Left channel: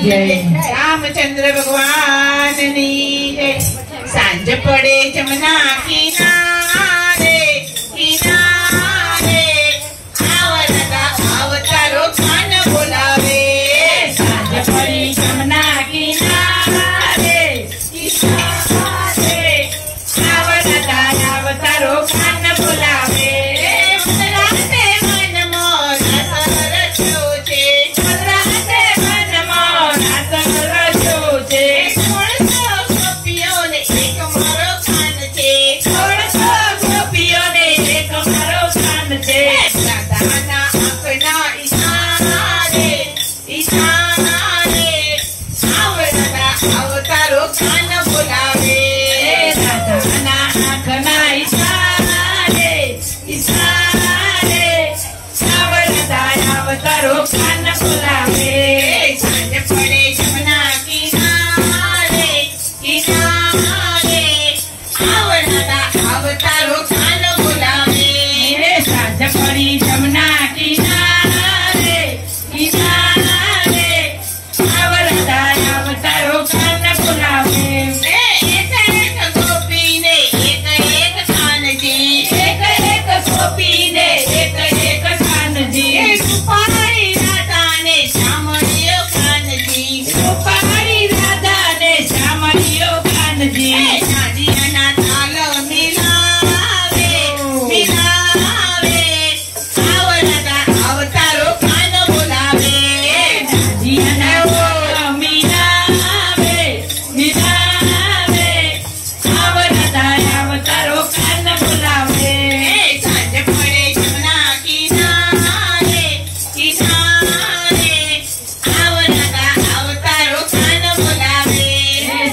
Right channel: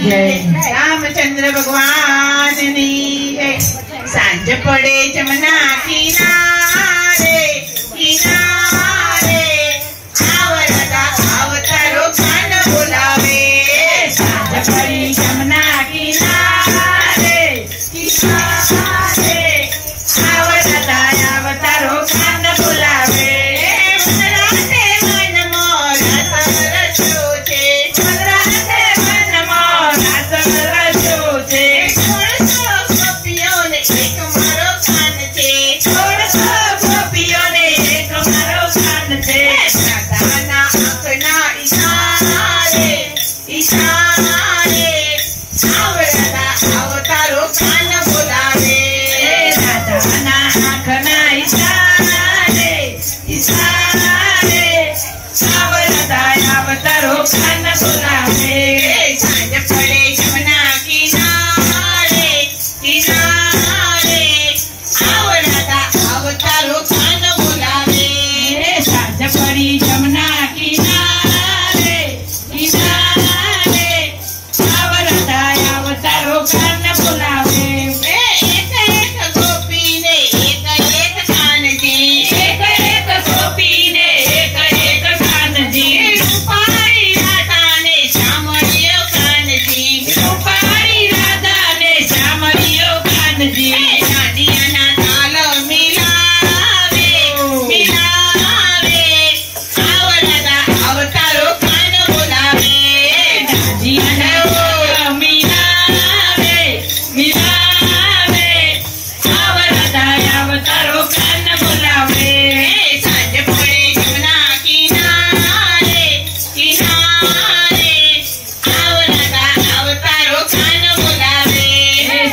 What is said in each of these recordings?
जय रामचंद्र भगवान नी जय। सांझ पड़े जमुना किनारे किनारे आवरदा अवतारो कान बोलावे। सांझ पड़ी जमुना किनारे किनारे आवरदा अवतारो कान बोलावे। अवतारो कान बोलावे। राधा आँखना इशारे इशारे आवरदा अवतारो कान बोलावे। सांझ पड़े जमुना किनारे किनारे आवरदा अवतारो कान बोलावे। सांझ पड़ी जमुना किनारे किनारे आवरदा अवतारो कान बोलावे। एक एक गोपी ने एक एक कान जी। एक एक गोपी ने एक एक कान जी। रूपारी राधा ने श्यामलियो कान जी। रूपारी राधा ने श्यामलियो कान जी। नादिया ना ताल मिलावे मिलावे आवरदा अवतारो कान बोलावे। नादिया ना अवतारो कान बोलावे। सांझ पड़े जमुना किनारे किनारे आवरदा अवतारो कान बोलावे।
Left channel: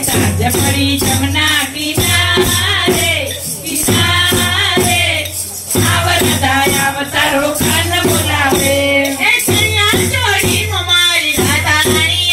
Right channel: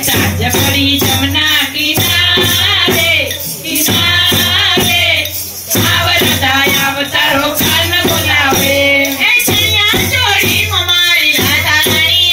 सांझ पड़ी जमुना किनारे किनारे आवरदा अवतारो कान बोलावे। जोड़ी हमारी राधा रानी